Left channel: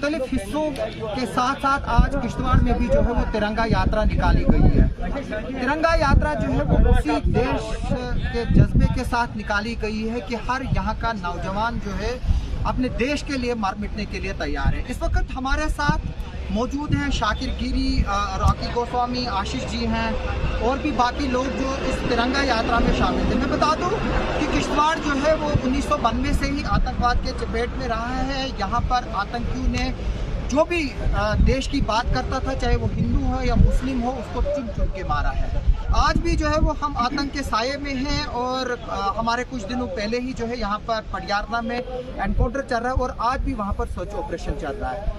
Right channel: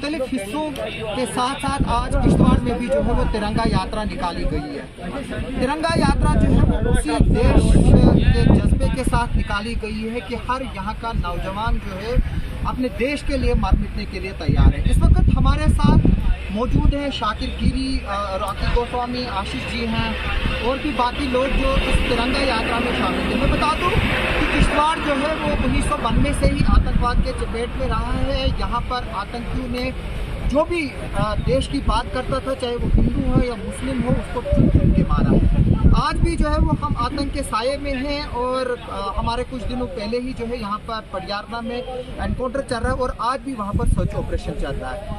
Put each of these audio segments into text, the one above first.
मुख्तलिफ हिस्सों के साथ साथ आज किश्तवाड़ में भी जो है वो तिरंगा यात्रा निकाली गई है। तिरंगा यात्रा जो है वो उसी देश के जज्बे के साथ निकाली गई है कि हर यहाँ का नौजवान जो है अपने देश के लिए मर मिटने के लिए तैयार है। इस वक्त हमारे साथ मौजूद हैं शाकिर गिरी, रॉकी गोस्वामी, आशीष जी हैं और भी बाकी लोग जो इस तिरंगा यात्रा में शामिल थे। मैं बता दूं कि किश्तवाड़ जो है वो 1992 से ही आतंकवाद के चपेट में रहा है। यहाँ पर आतंकियों ने जो भी देश की बात करता था, चाहे वो हिंदू हो या मुस्लिम हो, उसको चुन चुन के मारा है। आज भी जो है वो हम आतंक के साये में हैं और हमारे कुछ दिनों पहले ही जो है यहाँ पर पटियाला में एनकाउंटर चल रहा है और आज भी वहाँ पर सर्च ऑपरेशन चल रहा है।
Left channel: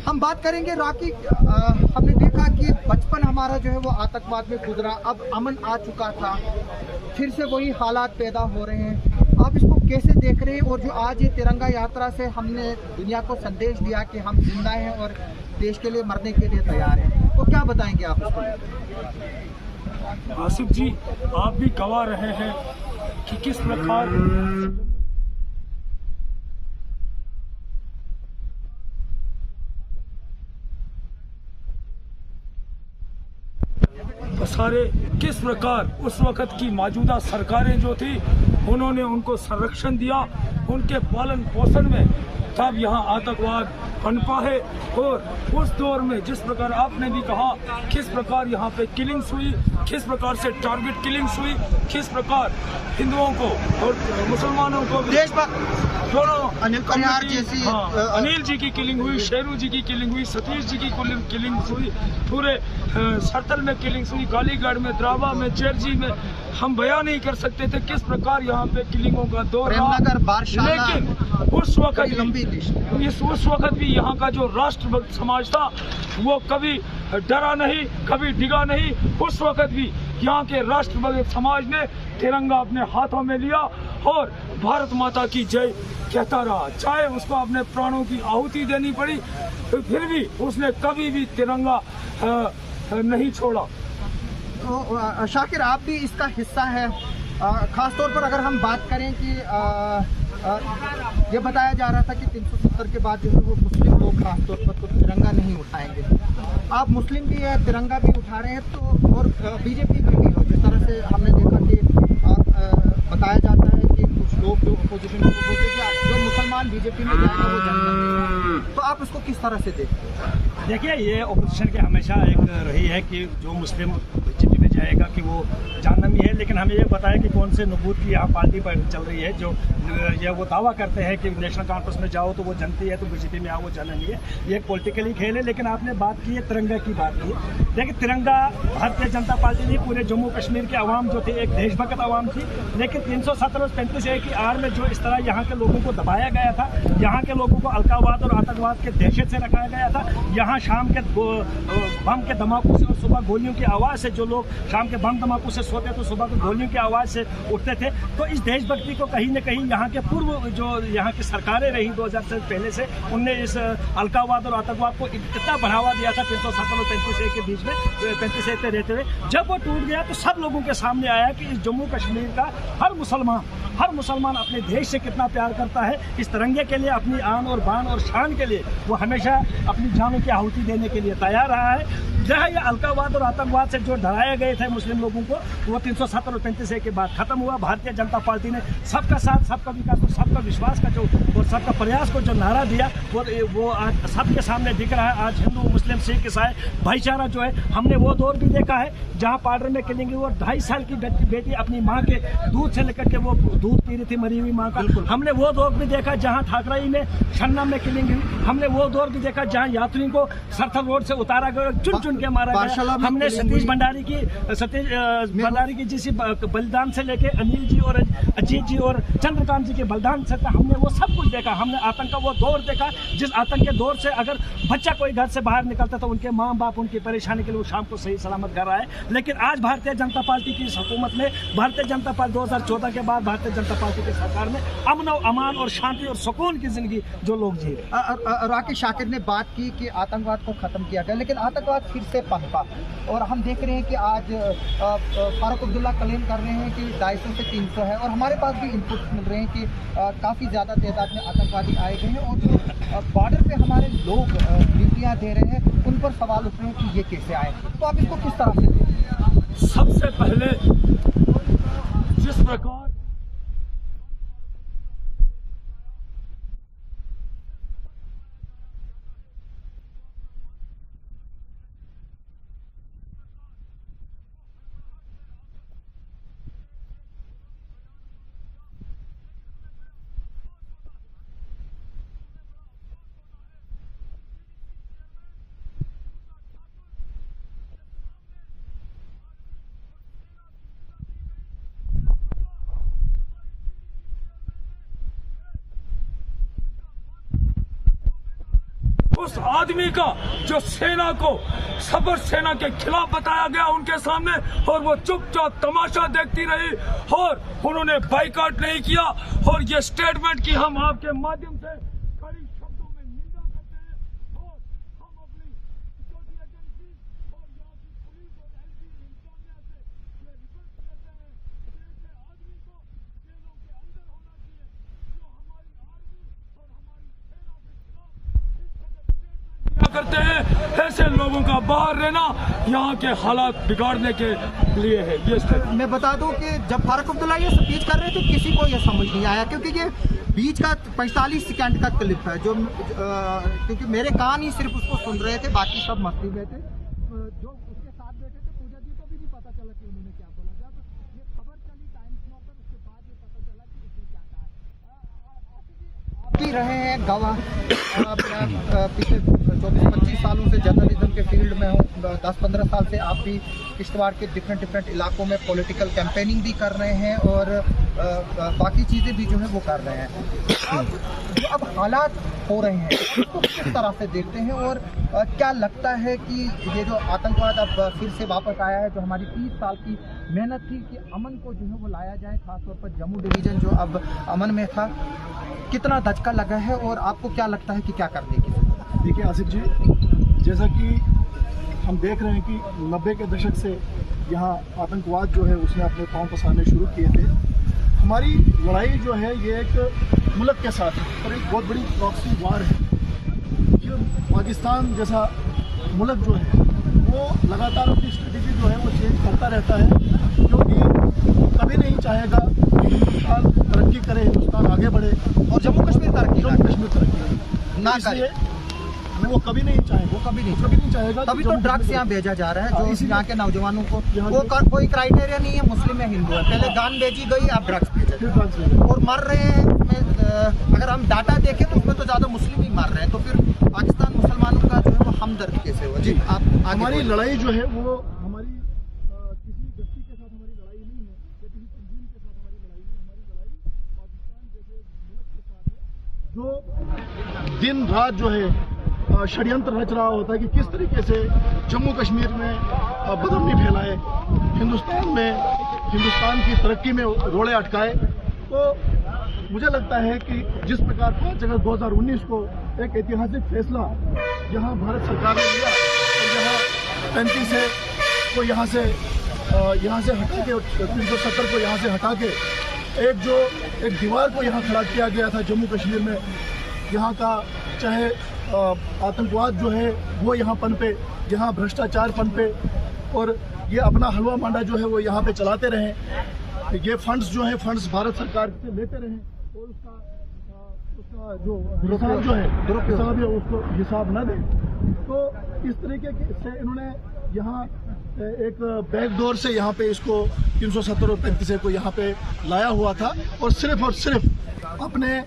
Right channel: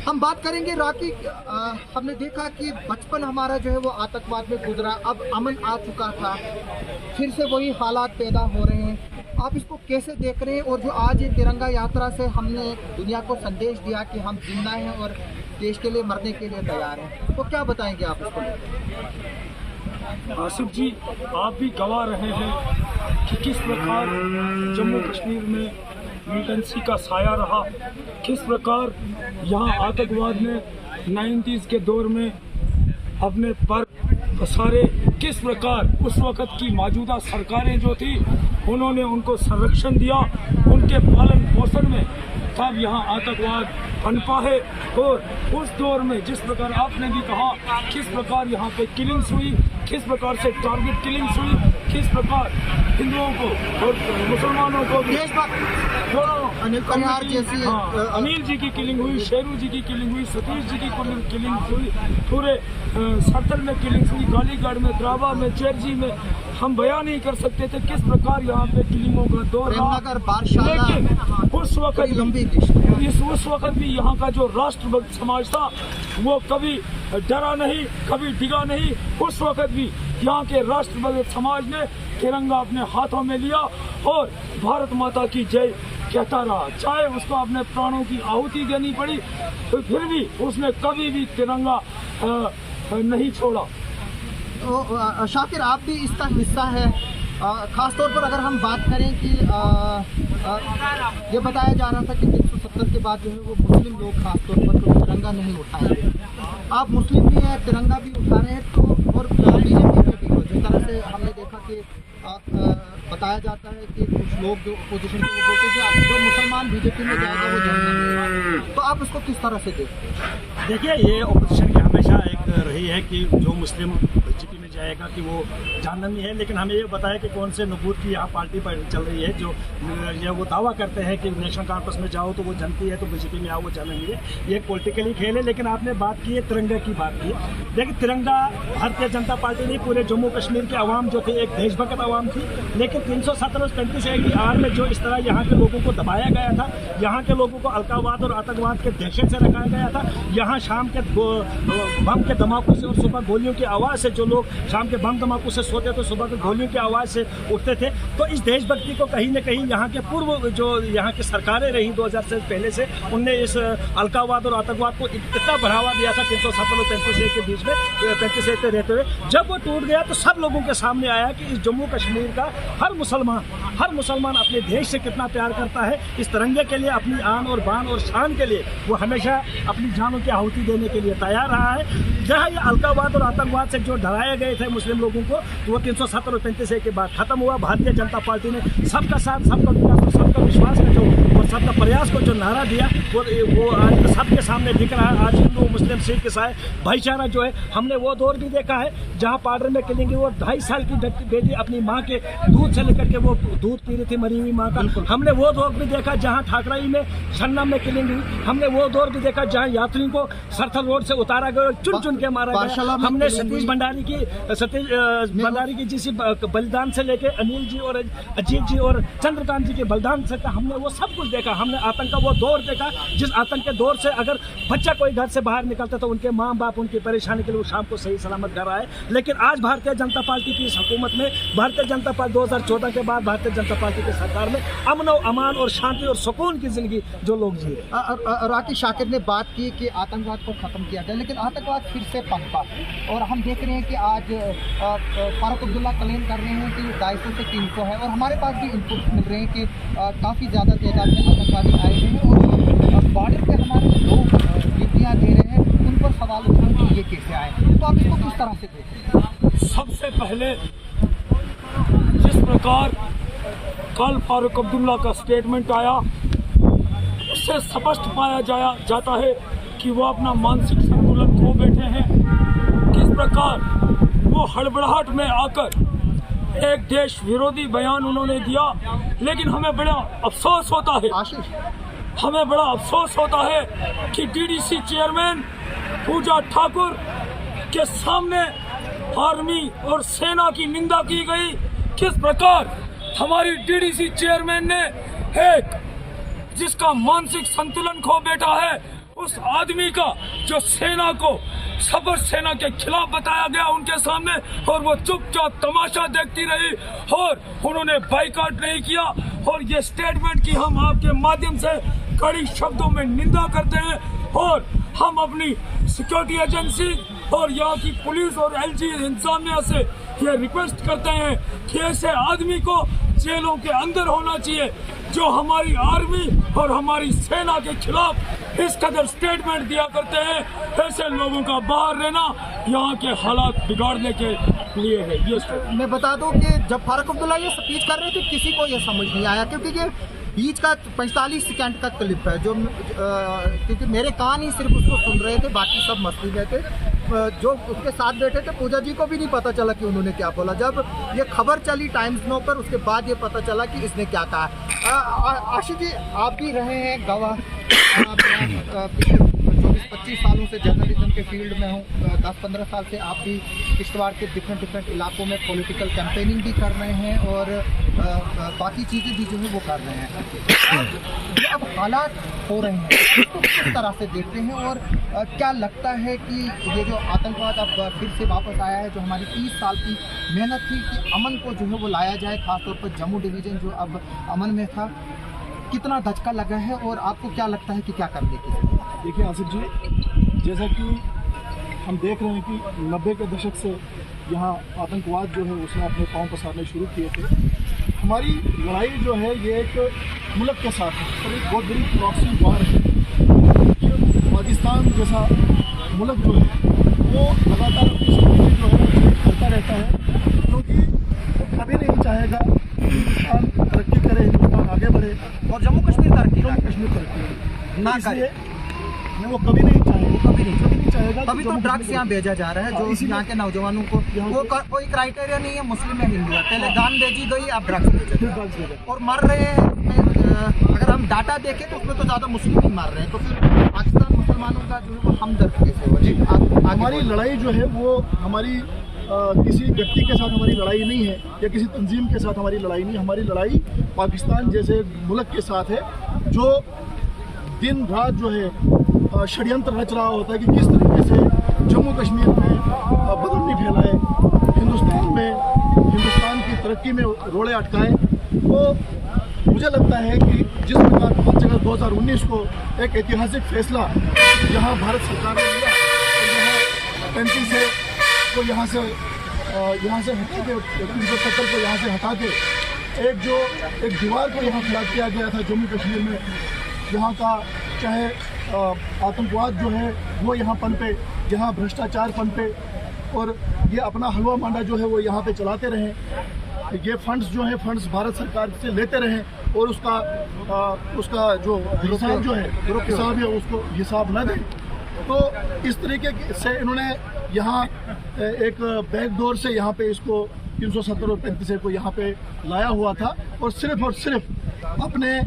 हम बात करेंगे राकी, हमने देखा कि बचपन हमारा जो है वो आतंकवाद में गुजरा, अब अमन आ चुका था, फिर से वही हालात पैदा हो रहे हैं। आप इसको कैसे देख रहे हैं? और जो आज ये तिरंगा यात्रा से हमने दुनिया को संदेश दिया कि हम जिंदा हैं और देश के लिए मरने के लिए तैयार हैं, तो क्या बताएंगे आप इसको लेकर? आसिफ जी, आप भी गवाह रहे हैं कि किस प्रकार जम्मू कश्मीर में मिलिटेंसी का साया रहा, किस प्रकार यहाँ आतंकवाद ने 90s के दौर में अपने पर पसारे, किस प्रकार उस वक़्त की मौजूदा सरकारें जो थी उन्होंने उनको संरक्षण दिया, उनके पालन पोषण में तब यहाँ आतंकवाद पनपा है। और उस दौर में जिस प्रकार आपने भी कहा किस प्रकार यहाँ पे किलिंग्स हुई, किस प्रकार से टारगेट किलिंग्स हुई, किस प्रकार हिंदुओं को और मुसलमानों को दोनों अनिल जी की किलिंग हुई, शेरू जी की किलिंग हुई, सतीश जी की किलिंग हुई, पूरे सरतल में किलिंग्स हुई, गालीगढ़ में, द्रावा में, चेरजी में। हम बयान नहीं कर सकते थे किस प्रकार यहाँ पे किलिंगों का दौर रहा। लेकिन उस वक्त भी यहाँ का जो राष्ट्रभक्त समाज था वो कभी डरा नहीं, कभी डिगा नहीं। उस वक्त भी यहाँ के राष्ट्रभक्त समाज ने तिरंगा अपने हाथों में लिया और भारत माता की जय कहता रहा, चाहे उसको अपने प्राणों की आहुति देनी पड़ी, तो फिर भी उसने कभी भी तिरंगा नहीं छोड़ा। तो शाकिर, आप भी इसका हिस्सा है। ख़ास तौर पर अगर हम बात करें कि ये बताया जा रहा था कि 370 के बाद जो है वो मुस्लिम लोग खास तौर पर तो तिरंगा नहीं उठाएंगे। आप मुस्लिम भी है, तिरंगा भी उठा रहे हैं, तो और बीजेपी में भी हो, जिस तरह से हमने देखा कि बताया जाता है कि कुछ लोग जो अपोजिशन को बोलते हैं कि जो मुसलमान बीजेपी में जाएगा वो जनता नहीं। तो आप उसको किस तरह से देखते हैं? देखिए, ये अपोजिशन की हमेशा एक रही है कि जो मुस्लिम बीजेपी में जाएगा कि वो जानना नहीं है, लेकिन हमें ये बताया कि कौन से नबूत की यहाँ पार्टी चल रही है जो ये वो दावा करते हैं कि नेशनल कॉन्फ्रेंस में जाओ तो वो जनती है, तो बीजेपी में आओ वो जानना नहीं है। ये एक पॉलिटिकली खेल है। लेकिन आपने बात की है तिरंगा की, बात की। देखिए, तिरंगा भारतीय जनता पार्टी नहीं, पूरे जम्मू कश्मीर के अवाम जो थे एक देशभक्त अवाम थी। लेकिन 317 और 35A की आड़ में जो इस तरह यहाँ के लोगों को दबाया गया था, यहाँ के लोगों को अलगाववाद और आतंकवाद के दहशत से रखा गया था, यहाँ शाम के बम के धमाकों से और सुबह गोलियों की आवाज़ से, जो लोग शाम के बम धमाकों से सोते तो सुबह को गोलियों की आवाज़ से उठते थे, तो इस देशभक्ति को कहीं न कहीं यहाँ के पूर्व जो यहाँ की सरकारें रही 2000 से पहले से, उनने इस अलगाववाद और आतंकवाद को इतना बढ़ावा दिया था 370 और 35A के बीच में, 35A पे रहते हुए। जब वो टूट गया तो सब लोगों के सामने आया कि इस जम्मू कश्मीर का हर मुसलमान अपने देश से कितना प्यार करता है। इस तिरंगे के लिए, अपनी आन और बान और शान के लिए वो हमेशा अपनी जानों की आहुति देने के लिए तैयार रहा है। जहाँ ये अलगाववाद और आतंकवाद से जो डराए गए थे मुस्लिम लोगों को, वो 370 और 35A के बाद खत्म हुआ। भारतीय जनता पार्टी ने सबका साथ, सबका विकास और सबका विश्वास का जो और सबका प्रयास को जो नारा दिया वो आज सबके सामने दिख रहा है। आज हिंदू, मुस्लिम, सिख, ईसाई भाईचारा जो है, हमने वो दौर भी देखा है जहाँ पार्डर में किलिंग हुई और 2.5 साल की बेटी अपनी माँ के दूध से लेकर के वो दूध पी रही थी, मरी हुई माँ का। हमने वो दौर भी देखा जहाँ ठाकराई में, छन्ना में किलिंग हुई। हमने वो दौर भी देखा जहाँ यात्रियों को सरथल रोड से उतारा गया, चुन चुन के मारा गया। हमने सतीश भंडारी की जिस बलिदान से लेके अनिल जी और अजीत जी और चंद्रकांत जी के बलिदान से हमने वो सब कुछ देखा। हमने आतंक का वो दौर देखा जिस आतंक के दौर से अगर बच्चा कोई घर से बाहर निकलता तो उनके माँ बाप उनकी परेशानी के लिए वो शाम को सही सलामत घर आए। लेकिन आज भारतीय जनता पार्टी की इस हुकूमत में, भारतीय जनता पार्टी 2014 के बाद भारतीय जनता पार्टी की सरकार में अमन और अमान और शांति और सुकून की जिंदगी जो लोग जी रहे। राकी, शाकिर ने बात की कि आतंकवाद को खत्म किया जाए, लेकिन आतंकवाद फिर से पनपा और हम देख रहे हैं कि आज फारूक अब्दुल्ला क्लेम कर रहे हैं कि 250 से 300 है और हमारे पास भी इनपुट मिल रहे हैं कि काफ़ी ज़्यादा तादाद में आतंकवादी आए हुए हैं और बॉर्डर पे हमारे लोग ड्यूटियाँ दे रहे हैं, उन पर सवाल उठ रहे हैं कि ये कैसे आए, तो आप इसको किस तरह से देखें? सबसे पहले जिस प्रकार कल फारूक अब्दुल्ला का स्टेटमेंट आया, उससे स्पष्ट पाया जाता है कि वो अपना मानसिक संतुलन खो बैठे हैं। किस प्रकार वो हड़बड़ाहट में आकर एक देश विरोधी बयान उन्होंने दिया, लेकिन हमें बड़ा अफसोस होता है, हमें बड़ा अफसोस होता है कि डीडीसी चेयरमैन पूजा ठाकुर के सामने आर्मी और सेना की निंदा की गई। किस प्रकार हमारी डीडीसी चेयरमैन ने एक जिसका मानसिक संतुलन खो बैठा है, उस आदमी का जो सेना को सबर सेना के खिलाफ बताया गया उनके सामने, और वो चुपचाप तमाशा देखती रही और उन्होंने बाइकआउट नहीं किया। और ये स्टेटमेंट की हम आपके माध्यम से कड़ी शब्दों में निंदा करते हैं, और हम अपनी सिक्योरिटी एजेंसी और यहाँ की पुलिस और एलजी इंतजामिया से ये रिक्वेस्ट करते हैं कि ऐसे आदमी को जेलों के अंदर होना चाहिए जो हमारी आर्मी और हमारी सेना के खिलाफ इस कदर स्टेटमेंट दिया करते हैं। ऐसे लोगों का बाहर रहना यहाँ के हालात बिगाड़ने के लिए है। ये मैं बता दूं कि जब फारूक अब्दुल्ला ये स्पीच कर रहे थे, किसी को ये समझ नहीं आया, क्योंकि ये बीच का 45 सेकंड का क्लिप है जो क्योंकि मेरे कान ही सिर्फ उसको सुन रहे थे, बाकी सब मस्ती में थे। जो उसके साथ बैठे थे पूजा जी को भी नहीं पता चला कि उन्होंने क्या बोला। जब ये खबर चली टाइम्स नो पर, उसके बाद ये पता चला कि इसने क्या कहा। आशीष जी, आप भी रहे हैं गवाह, पिछले 24-25 सालों से जर्नलिज्म के फील्ड में हूँ, 10-15 साल से आप भी किश्तवाड़ के डिफरेंट इलाकों में पॉलिटिकल कैंपेनिंग भी कर रहे हैं और बाकी चीज़ें भी जो है वो कर रहे हैं। अब हालात हो रहे हैं तो किस तरह से देखते हैं, और क्या लगता है कि ये जो आतंकवाद अब फिर से वापस आया है, जो हमारी 30 साल की मेहनत थी कि अमन को जो है वो लाया जाए, खासतौर पर जम्मू डिवीज़न जो अब अमन में था, कितना धचका लगा है और आपको क्या लगता है कि क्या करने की जरूरत है? देखिए आसिफ जी, जैसा कि हम देख रहे हैं कि 90 के दशक से यहाँ आतंकवाद जो है उसने अपने पाँव पसारने शुरू किए थे। हमारी लड़ाई जो है ये एक मुल्क के साथ है और एक बहुत बड़ी प्रॉक्सी वार है। पाकिस्तान जैसा मुल्क जो है वो लगातार अपनी स्ट्रेटेजी जो है वो चेंज करता रहता है, क्योंकि कभी नहीं चाहेगा हिंदुस्तान तरक्की करे, हिंदुस्तान आगे बढ़े और जम्मू कश्मीर तरक्की ना करे। वो कभी नहीं चाहेगा, वो कभी नहीं चाहेगा। तभी तो ड्रग्स यहाँ भेजा जा रहा है, जो यहाँ के नौजवानों को वो कोई क्राइटेरिया नहीं है मुस्लिम या हिंदू है, पहले गान भेजी गई, आप ड्रग्स भेजे और मर रहे हैं। अगर हम डाटा देखें तो उसमें तो ज़्यादा मुस्लिम ही मार रहे हैं, तो फिर पाकिस्तान मुसलमानों का जो है वो हमदर्द कैसे हुआ? जी, हमारी लड़ाई जो है वो हमारी किसी व्यक्ति के साथ हमारी लड़ाई नहीं है या किसी तंजीम के साथ हमारी लड़ाई नहीं। हमारी लड़ाई पाकिस्तान जैसे मुल्क के साथ है जो दिन रात जो है षड्यंत्र रच रहा होता है कि किस तरीके से जम्मू कश्मीर में बदअमनी फैलाए, हिंदुस्तान की तरक्की में रोड़े अटकाए। तो मुझे लगता है कि जिस प्रकार 5 अगस्त 2019 को एक ऐतिहासिक फैसला यहाँ भारत सरकार ने लिया और यहाँ 35 है को यहाँ से हटा के 370 को यहाँ से हटा के एक दीवार को यहाँ खड़ा किया गया था जम्मू कश्मीर में। यहाँ का चाहे आतंकवाद जो है वो यहाँ पनपे, यहाँ भ्रष्टाचार पनपे और ये अपना हलवा मांडा जो है वो यहाँ पे चलाते रहें। ये फंड्स जो है फंड्स भारत सरकार से लेते रहें और उसका जो हिसाब जो है हिसाब है उसको हिसाब न दें। तो इस तरीके से इन्होंने यहाँ एक बैकडोर से यहाँ पे इसको 370 और 35 को यहाँ पे लाया हुआ था और सिर्फ अपने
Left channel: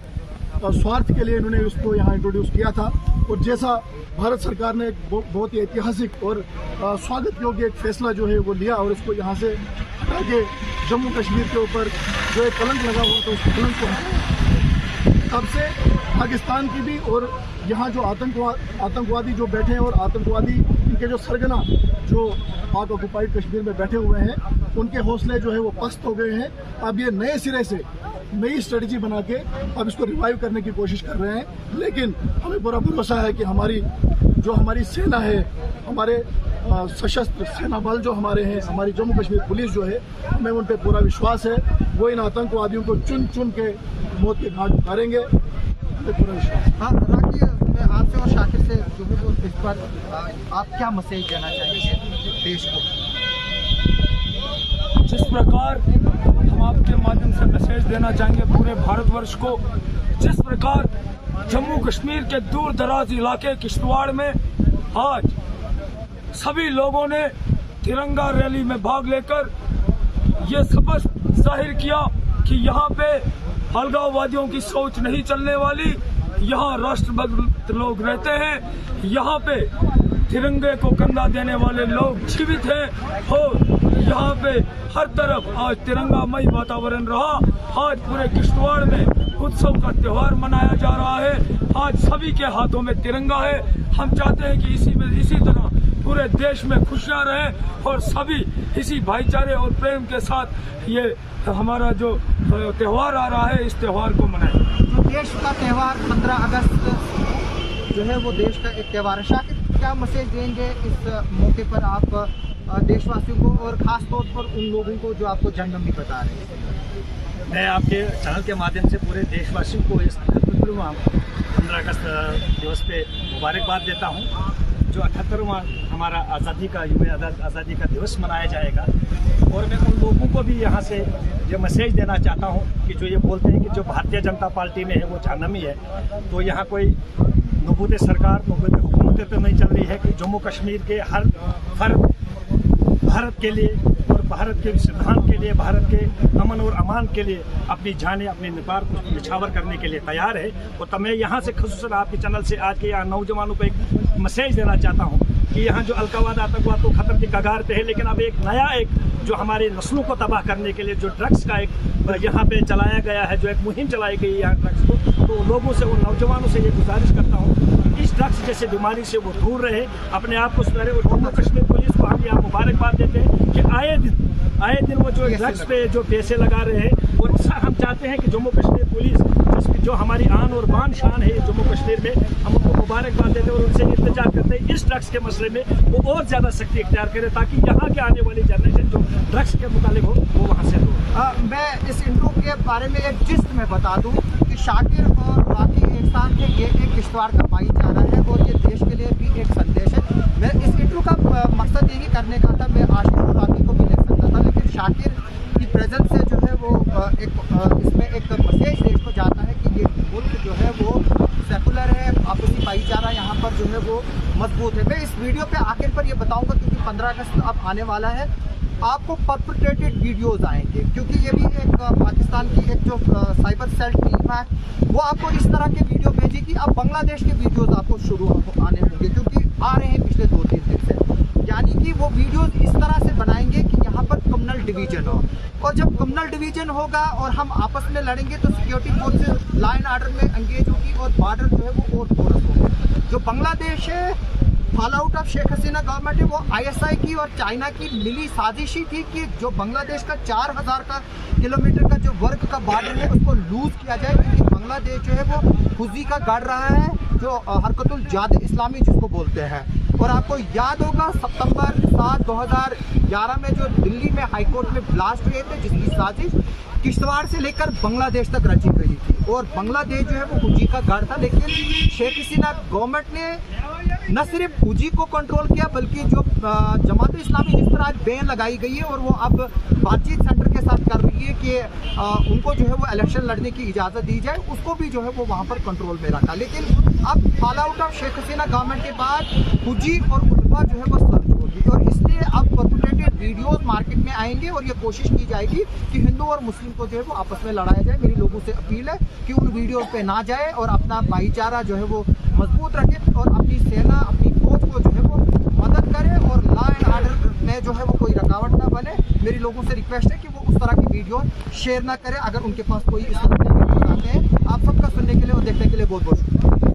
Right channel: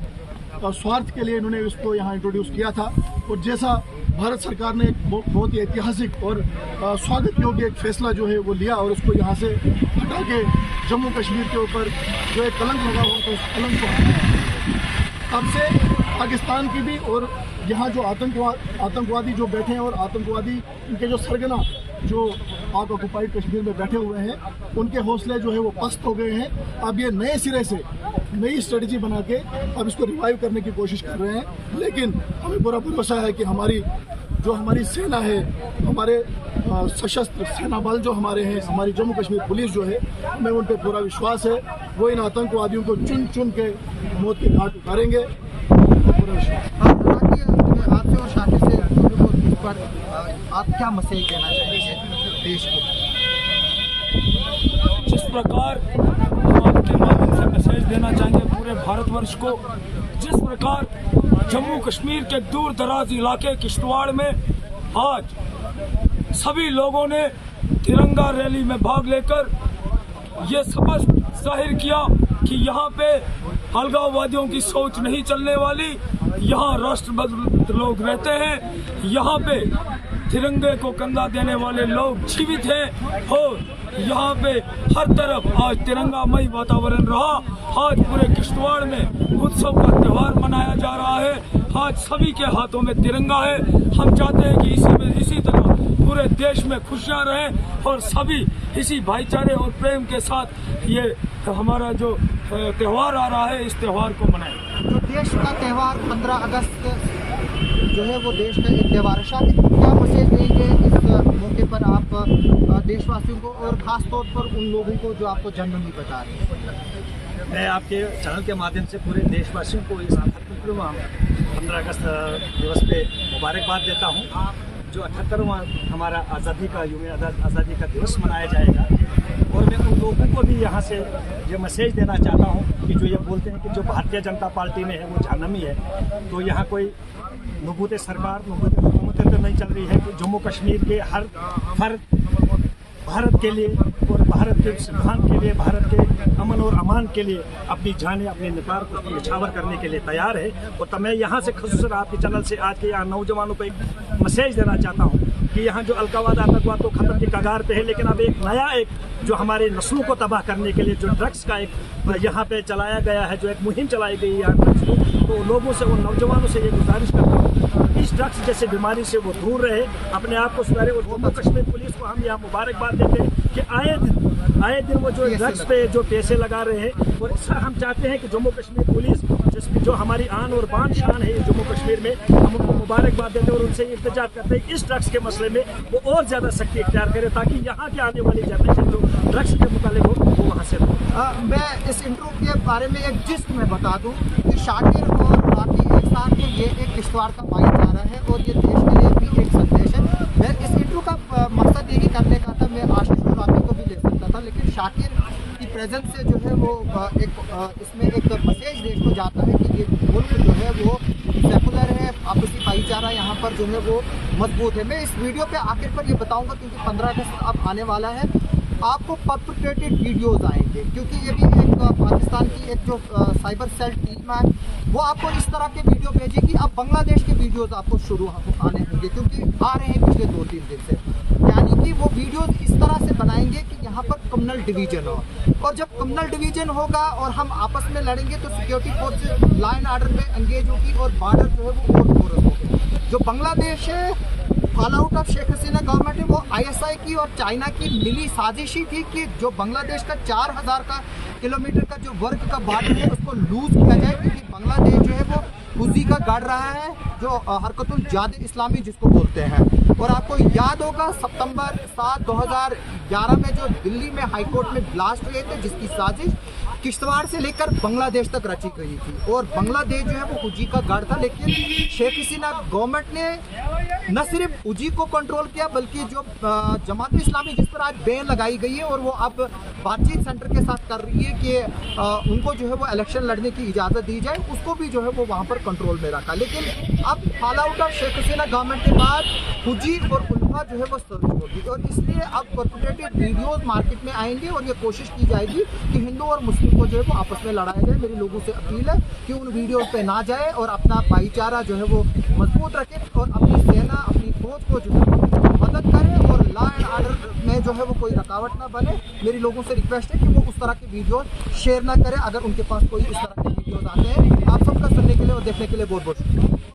स्वार्थ के लिए इन्होंने उसको यहाँ इंट्रोड्यूस किया था। और जैसा भारत सरकार ने बहुत ही ऐतिहासिक और स्वागत योग्य एक फैसला जो है वो लिया और उसको यहाँ से हटा के जम्मू कश्मीर के ऊपर जो एक कलंक लगा हुआ था उस कलंक को हटाया। तब से पाकिस्तान की भी और यहाँ जो आतंकवादी जो बैठे हैं और आतंकवादी इनके जो सरगना जो पाक ऑक्युपाइड कश्मीर में बैठे हुए हैं उनके हौसले जो है वो पस्त हो गए हैं। अब ये नए सिरे से नई स्ट्रेटजी बना के अब इसको रिवाइव करने की कोशिश कर रहे हैं। लेकिन हमें पूरा भरोसा है कि हमारी सेना है, हमारे सशस्त्र सेना बल जो हमारे हैं, हमारी जम्मू कश्मीर पुलिस जो है, हमें उन पर पूरा विश्वास है। वो इन आतंकवादियों को चुन के मौत के घाट उतारेंगे, पूरा विश्वास। और शाकिर से जो है वो इस पर आप क्या मैसेज देना चाहेंगे देश को? जिस प्रकार हम आपके माध्यम से मैसेज देना चाहेंगे पूरे भारतवर्ष को, जिस प्रकार जम्मू कश्मीर के दूर दराज इलाके किश्तवाड़ में आज सभी लोगों ने तिरंगा रैली में भाग लेकर ये स्पष्ट जाहिर किया कि यहाँ पे अलगाववादियों की सोच नहीं चलने वाली, यहाँ राष्ट्रभक्त लोग रहते हैं, यहाँ पे तिरंगे को कंधा देने वाले लोग जीवित हैं और यहाँ पे हर तरफ आज तिरंगामय वातावरण रहा। आज पूरे किश्तवाड़ में उत्सव का त्यौहार मनाया जा रहा है। आज सभी के हाथों में तिरंगा है। हम चाहते हैं कि इसी तरह पूरे देश में खुशियां रहें और सभी इसी भाईचारे और प्रेम के साथ ये हमारा जो त्यौहार आ रहा है इस त्यौहार को मनाएं। तो देश का त्यौहार 15 अगस्त जो है वो देश का एक त्यौहार है। शाकिर, क्या मैसेज देंगे इस मौके पर आप देशवासियों को और खास तौर पर उन लोगों को जो आपको जन्मदिन बता रहे हैं? मैं आपके चैनल के माध्यम से पूरे देशवासियों को इस 15 अगस्त दिवस पे मुबारकबाद देता हूँ। जो 78वां हमारा आज़ादी का आज़ादी का दिवस मनाया जाएगा और मैं उन लोगों को भी यहाँ से ये मैसेज देना चाहता हूँ कि जो ये बोलते हैं कि जो भारतीय जनता पार्टी में है वो जहन्नमी है, तो यहाँ कोई नबूत सरकार नबूत हुकूमतें तो नहीं चल रही है कि जम्मू कश्मीर के हर फर्द भारत के लिए और भारत के सिद्धांत के लिए, भारत के अमन और अमान के लिए अपनी जानें, अपने निपार को निछावर करने के लिए तैयार है। और तब मैं यहाँ से खुसूसन आपके चैनल से आज के यहाँ नौजवानों को एक मैसेज देना चाहता हूँ कि यहाँ जो अलगाववाद आतंकवाद तो खत्म की कगार पे है, लेकिन अब एक नया जो हमारी नस्लों को तबाह करने के लिए जो ड्रग्स का एक यहाँ पे चलाया गया है, जो एक मुहिम चलाई गई है यहाँ ड्रग्स को, तो लोगों से, उन नौजवानों से ये गुजारिश करता हूँ इस ड्रग्स जैसे बीमारी से वो दूर रहे, अपने आप को सुधारे। और जम्मू कश्मीर पुलिस को हम यहाँ मुबारकबाद देते हैं कि आए दिन वो जो ड्रग्स पे जो पैसे लगा रहे हैं, और हम चाहते हैं कि जम्मू कश्मीर पुलिस जो हमारी आन और बान शान है जम्मू कश्मीर में, हम उनको मुबारकबाद देते हैं और उनसे इंतजार करते हैं इस ड्रग्स के मसले में वो और ज़्यादा सख्ती इख्तियार करे ताकि यहाँ के आने वाली जनरेशन जो ड्रग्स के मुतालिक हो वो वहाँ से हो। मैं इस इंट्रो के बारे में एक जिस्ट में बता दूं कि शाकिर और बाकी एक साथ के ये एक किश्तवाड़ का भाईचारा है और ये देश के लिए भी एक संदेश है। मैं इस इंट्रो का मकसद यही करने का था, मैं आशिफ और राबी को भी ले सकता था, लेकिन शाकिर की प्रेजेंस से जो है वो इसमें एक मैसेज देश को जाता है कि ये मुल्क जो है वो सेकुलर है, आपसी भाईचारा यहाँ पर जो है वो मजबूत है। मैं इस वीडियो पे आखिर पर ये बताऊंगा क्योंकि 15 अगस्त अब आने वाला है, आपको परपेट्रेटेड वीडियोस आएंगे क्योंकि ये भी एक पाकिस्तान की एक जो साइबर सेल टीम है वो आपको इस तरह के वीडियो भेजेगी। अब बांग्लादेश के वीडियोस आपको शुरू आने होंगे क्योंकि आ रहे हैं पिछले 2-3 दिन से, यानी कि वो वीडियोस इस तरह से बनाएंगे कि यहाँ पर कम्युनल डिवीजन हो, और जब कम्युनल डिवीजन होगा और हम आपस में लड़ेंगे तो सिक्योरिटी फोर्सेज लाइन आर्डर में एंगेज होगी और बॉर्डर जो है वो और फोरस होंगे। जो बांग्लादेश है fall out of Sheikh Hasina government है, वो ISI की और चाइना की मिली साजिशी थी कि जो बांग्लादेश का 4000 किलोमीटर का जो वर्ग का बॉर्डर है उसको लूज किया जाए, क्योंकि बांग्लादेश जो है वो खुजी का गढ़ रहा है, जो हरकतुल जाद इस्लामी जिसको बोलते हैं। और आपको याद होगा सितंबर 7, 2011 में जो दिल्ली में हाईकोर्ट में ब्लास्ट हुए थे, जिसकी साजिश किश्तवाड़ से लेकर बांग्लादेश तक रची गई थी, और बांग्लादेश जो है वो खुजी का गढ़ था। लेकिन शेख हसीना गवर्नमेंट ने न सिर्फ खुजी को कंट्रोल किया बल्कि जो जमात इस्लामी जिस पर आज बैन लगाई गई है और वो अब बातचीत सेंटर के साथ कर रही है कि उनको जो है वो इलेक्शन लड़ने की इजाज़त दी जाए, उसको भी जो है वो वहाँ पर कंट्रोल में रखा। लेकिन अब fall out of Sheikh Hasina government के बाद खुजी और उल्फा जो है वो सर्च होगी, और इसलिए अब परपेट्रेटेड वीडियोस मार्केट में आएंगे और ये कोशिश की जाएगी कि हिंदू और मुस्लिम को जो है वो आपस में लड़ाया जाए। मेरी लोगों से अपील है कि उन वीडियोस पे ना जाए और अपना भाईचारा जो है वो मजबूत रखे और अपनी सेना, अपनी फौज को जो है वो मदद करे और लॉ एंड ऑर्डर में जो है वो कोई रुकावट ना बने। मेरी लोगों से रिक्वेस्ट है कि वो उस तरह की वीडियो शेयर ना करें अगर उनके पास कोई इस तरह के वीडियोस आते हैं। आप सबका सुनने के लिए और देखने के लिए बहुत बहुत शुक्रिया।